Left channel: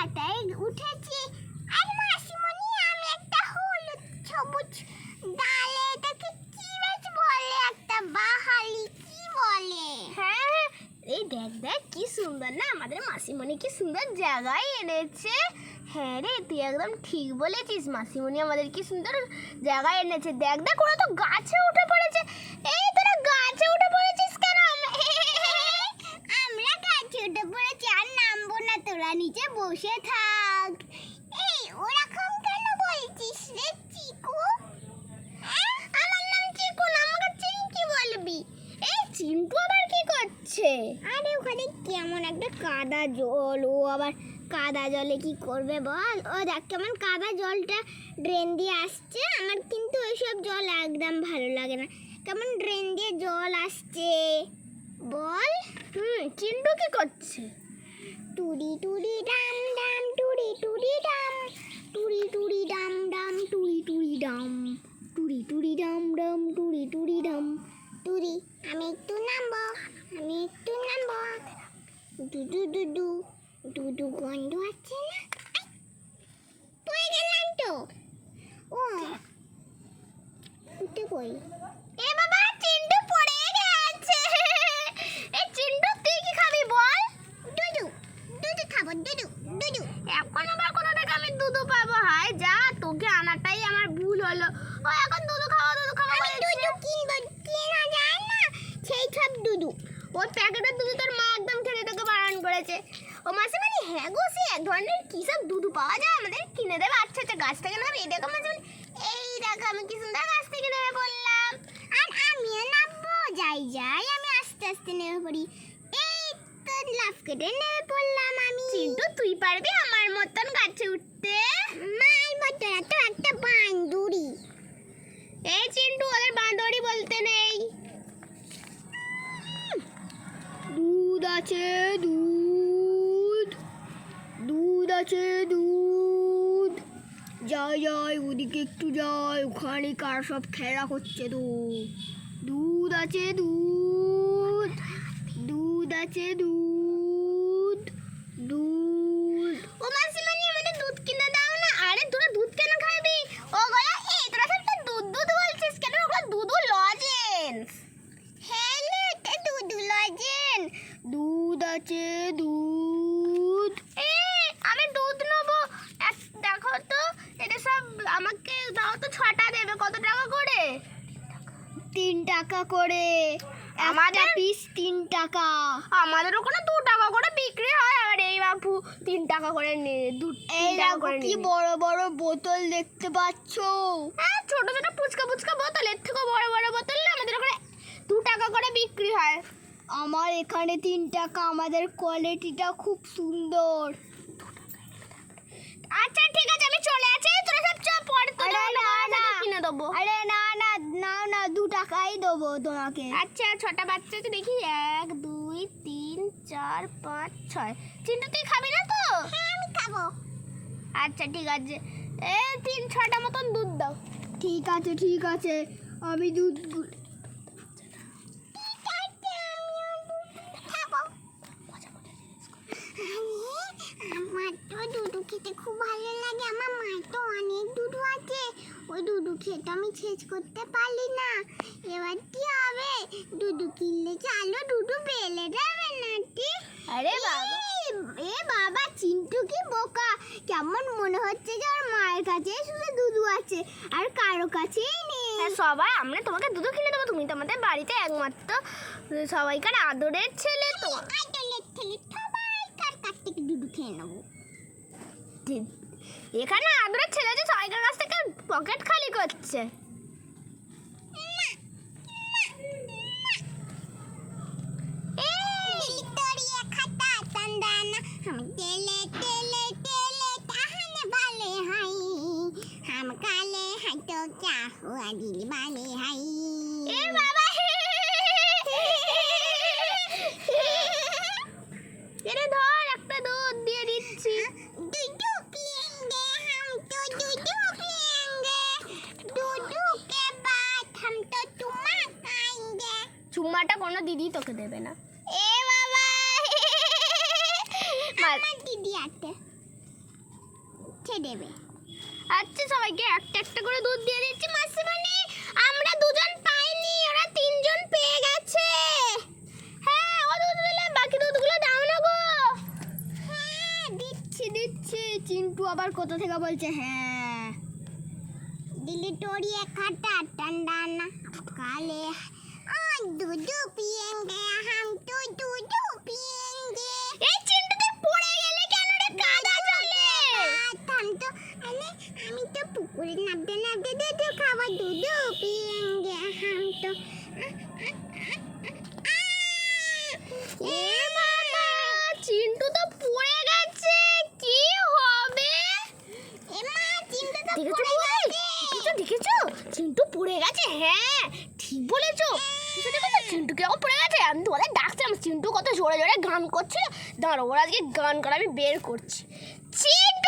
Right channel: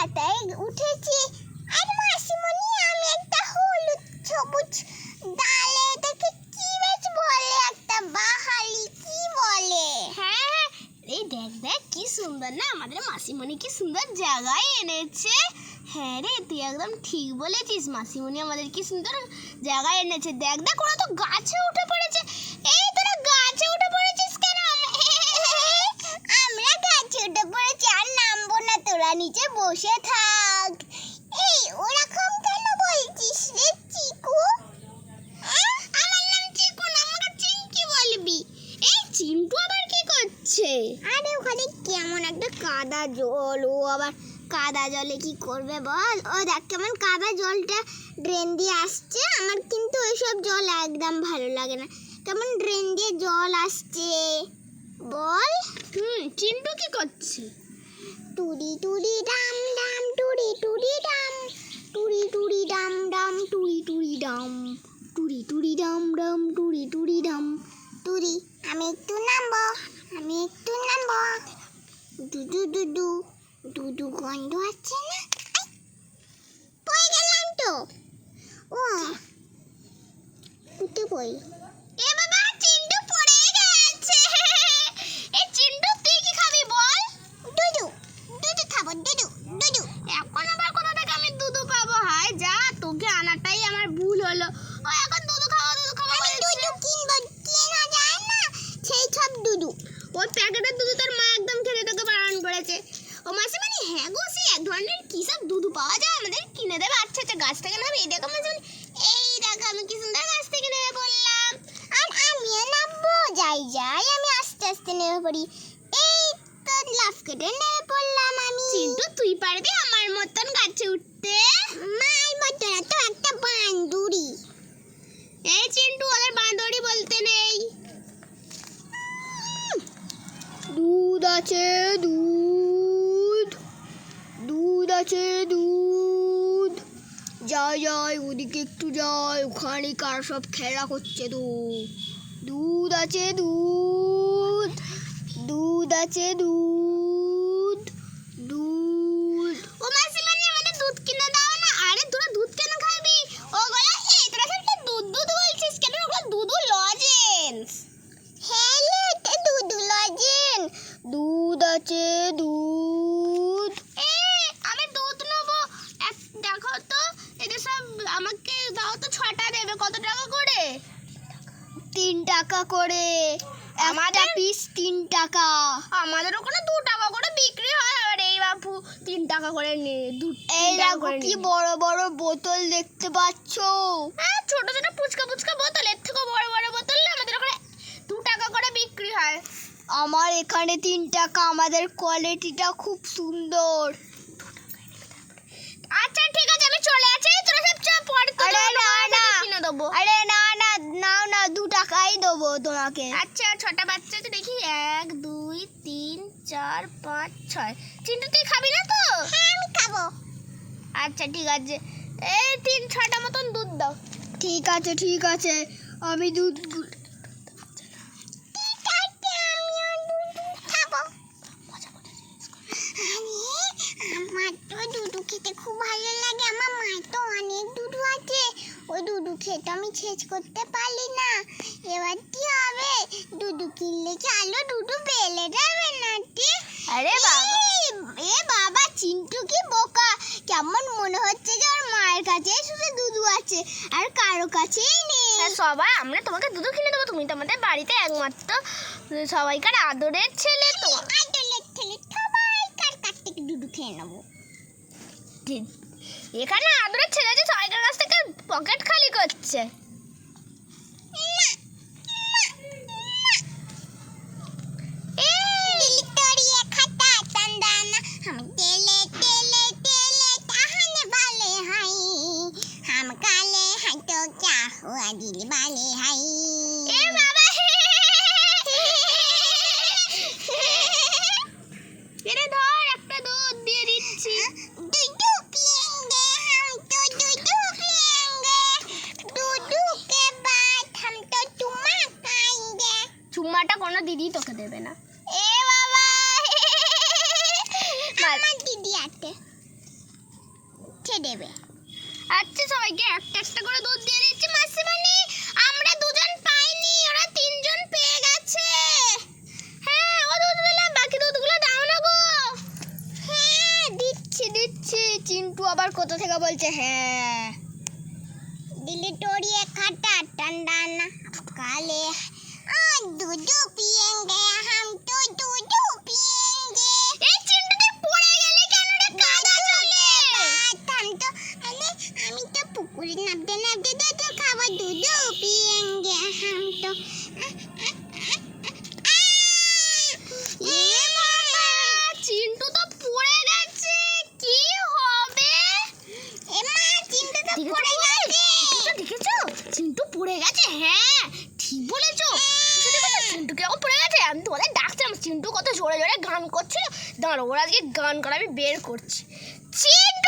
পাতায় উঠেছি। আর মাসিমণি আমি একটা হলুদ সবুজ ডালে এটাকে কি বেশ বলে, একটা বাহালি কি বলে? হ্যাঁ, এই দেখ দেখ কি সুন্দর না, আমাদের মাসিমণি কি সুন্দর জায়গায় এনেছে। হ্যাঁ রে, তুই একদম ঠিক বলেছিস, মাসিমণি আমাদের কি সুন্দর জায়গায় এনেছে। দেখ দেখ ওরা তো গাছে উঠে পড়েছে। এই তোরা গাছে উঠে পড়েছিস কেন? আমরা গাছে উঠে পড়েছি, আর নামবো না, তোরা নিচে বসে থাক। এই ওরকম কেন বলছিস রে চিকু? আমার নাম চিকু না, আমাকে চিঙ্কি বলবি। এই চিন্টু আবার কি করছে? আরে ওখানে কেমন একটা কাদা জল, ও আবার কাদা জলে কি করবে বল? ও দেখ কেমন কাদা জলটা ড্রেন দিয়ে আসছে। আমার কিন্তু ওইসব জল একদম ভালো লাগে না, কেমন ড্রেন দিয়ে জল আসছে বল। চিন্টু কি করছে? টুরি টুরি ডাম ডাম টুরি টুরি ডাম, টুরি টুরি ডাম ডাম টুরি টুরি ডাম, টুরি টুরি ডাম ডাম টুরি টুরি ডাম। টুরি আমি একটু নামবো, আমি একটু নামবো। দুদু দুদু দুদু গন্ধ আছে না? পড়ে গেলাম তো। ও উঠে পড়ি। এ বাবা, চিন্টু পড়ে গেছে। এই চিন্টু তুই কি খাবি বল? দুদু দুদু খাবো, দুদু দুদু। এখন আবার কোথা থেকে আমি দুধু পাবো? হায় যা, তোকে আনাটাই আমার ভুল হলো। ও এখন দুধু খাবো দুধু খাবো আমি দুদু কিনবো, কেনা যায় না সেই সব দুদু। ওই প্যাকেটের দুধ তোর মা একদম খেতে তোকে বারণ করেছে। ও মাসিমণি, হ্যাঁ গো, সে এক ধরনের কি সব দুধ পাওয়া যায়, আমাদের কিনে দেবে। আচ্ছা আচ্ছা, গাছ থেকে নেবে। এই দেখো মাসিমণি, এই দেখো আমি কি সুন্দর গাছ থেকে নেমে পড়লাম। আর আমিও নামবো, যাই যাই আমি আস্তে আস্তে নেমে পড়ি। এই তো লাফ কেটে নেমে পড়লাম আমি। চিন্টু তুই পারবি আমার মতন গাছে উঠতে? মার মতো না তো, একটা বান্দুরি। এই চিন্টু, ওদের বাঁদরি বলতে নেই। দুধ আছে দুধ, দুধ আছে দুধ। যাই যাই ওদিকে একটু যাই, ওখানে কারা সব খেলা করছে তো। দুধ আছে দুধ, দুধ আছে দুধ, দুধ। ও মাসিমণি, আমাদের দুধ কিনে দাও না। আরে তোরা দুধ কেন খাবি? ও গলা, এই তোরা সব দুধ দুধ বলছিস কেন? ওগুলো দুধ লজেন্স। হ্যাঁ এটা দুধু লজেন। দুধ আছে দুধ। আমি দুধ নেবো। দেখো তো, এটা সব আমাকে দাও তো। 6টা দেবে, কত টাকা করে? 3 টাকা করে। আমাদের পিস 3 টাকা। আমাদের ওখানে 2 টাকা করে বিক্রি হয়। আর এই বাপু 3 টাকা করে নে। এই দেখো কি বড় বড় বোতল দেখতে পাচ্ছো? হ্যাঁ, ছোট ছোট পুচকা পুচকা বোতল, এর থেকে বড় বড় বোতল না আমাদের ওখানে 2 টাকা করে বিক্রি হয়। আমার এখানে 3 টাকা। আমাদের কোয়ালিটিটা খুব সুন্দর। আচ্ছা ঠিক আছে, আমি চলে আসি। তোরা সব চা পড়ে তো কিনে দেবো। আরে না না, নাও না, 2 টাকাই দেবো তোমাকে। আচ্ছা, 6টা বাচ্চা আছে দেখি। 1 2 3 4 5 6। চিন্টু তুই খাবি না তো? হ্যাঁ আমি খাবো। আচ্ছা ঠিক আছে, এই 6টা মতন দুধ দাও। ঠিক আছে ঠিক আছে, আমি দুধ আমার তো দুধু খেতে খুব ভালো লাগে। আমার মায়ের তো অনেক দুধু আছে, ওই দুধু খেতে আমি শেষ করতে পারি না। এবার কি হবে? দুধু কিনলে কি আলো দুধু পেলে যাবে না? আরে বাবা, এ বাবা, চিন্টু কি বোকা! কেমন মনে হচ্ছে যে ওর মায়ের কাছে শুধু দুধু আছে, আর কারো কাছেই নেই। সবাই আমরা তোমাকে দুধ কিনে দেবো। তুমি তো আমাদের বাড়িতে একমাত্র সবাইকার আদরের ছেলে। তো আদলের ছেলে, সবাইকার কাছ থেকে দুধু খেয়ে নেবো। এখানে আদরের ছেলে যে সবাইকার কাছ থেকে পকেট খালি করছে। दिल वाले हाय। ए बाबा, এরে ধর, একটা দুধ দিয়ে দিচ্ছি। दूधू पिएंगे हम तो, दूधू पिएंगे, दूधू के बाद हम तो चुम्मा खाएंगे। চুম্মাটা কোনো দিদি তোকে দেবে না। এ বাবা, আমার দিদি আছে। রেখে দেবে। আচ্ছা সবাইকে একটা একটা করে দুধ দিয়ে দিচ্ছি মাসিমণি। আমরা দুজন পাইনি, ওরা তিনজন পেয়ে গেছে। হ্যাঁ ও দুধ দিলে বাকি দুধগুলো দাও না গো। হ্যাঁ দিচ্ছি দিচ্ছি। চিন্টু আবার কোথা থেকে বলছে হ্যাঁ। दिल्ली टोरी खट्टा ठंडा ना काले दूध पिएंगे हम तो दूध पिएंगे। এই চিন্টুতে পড়ে গেলে কেন রে কাদা জলে? हम तो हमें तो पुकुरी नापते नापते दूध खावा दूध पिएंगे हम तो। এ বাবা চিন্টু তো পড়ে গেছে, কি হবে? ए माँ चिंटू तो দেখেছো पड़े गए। দেখেছো চিন্টু পড়ে গেছে। হ্যাঁ ঠিক বলেছো। চিন্টু কেমন পড়ে গেছে? আমি তোমাদের ডাকছিলাম, চিন্টু কত জোরে জোরে গান করছিল। দাঁড়ো ওরা আজকে গান করা আমি বের করছি। চিন্টু